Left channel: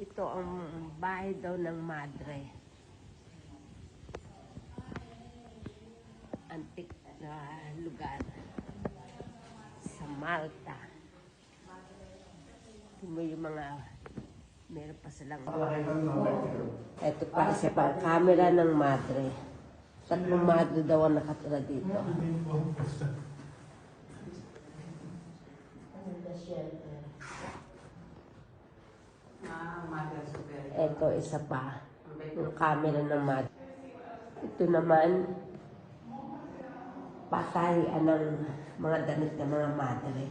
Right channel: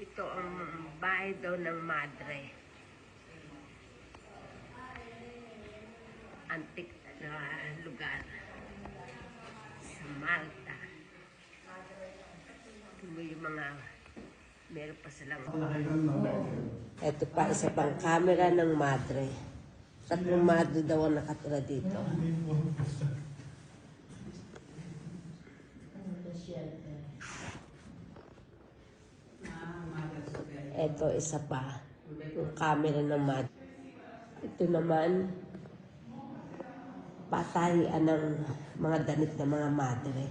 Ito ang bahay daw ng madre. Antik na lugar sa Malta. Ito yung mga meron pa silang ito pa sa pang-camera ng madre. Ang madre daw ang nakatira dito. Ito isa pa. Yung camera ng madre. Ito naman patay ng mga damit ng mga madre.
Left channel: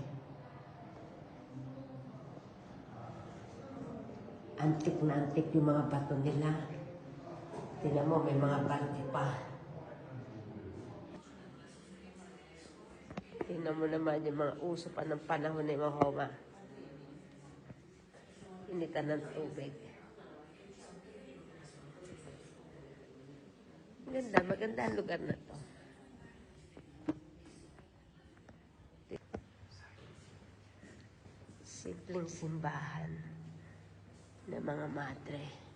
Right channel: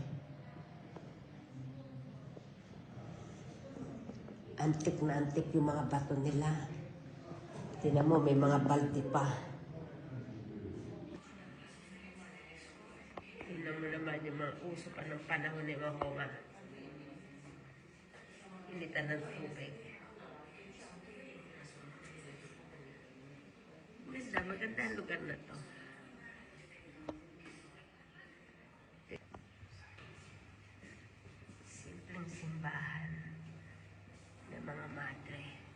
Antik na antik yung mga bato nila. Tingnan mo, may mga baldi pa. Tingnan mo naman yung mga uso pa ng panahon ni Mahoma. Initan ng tubig. Maganda ang lugar na to. Simpleng simbahan ng mga madre.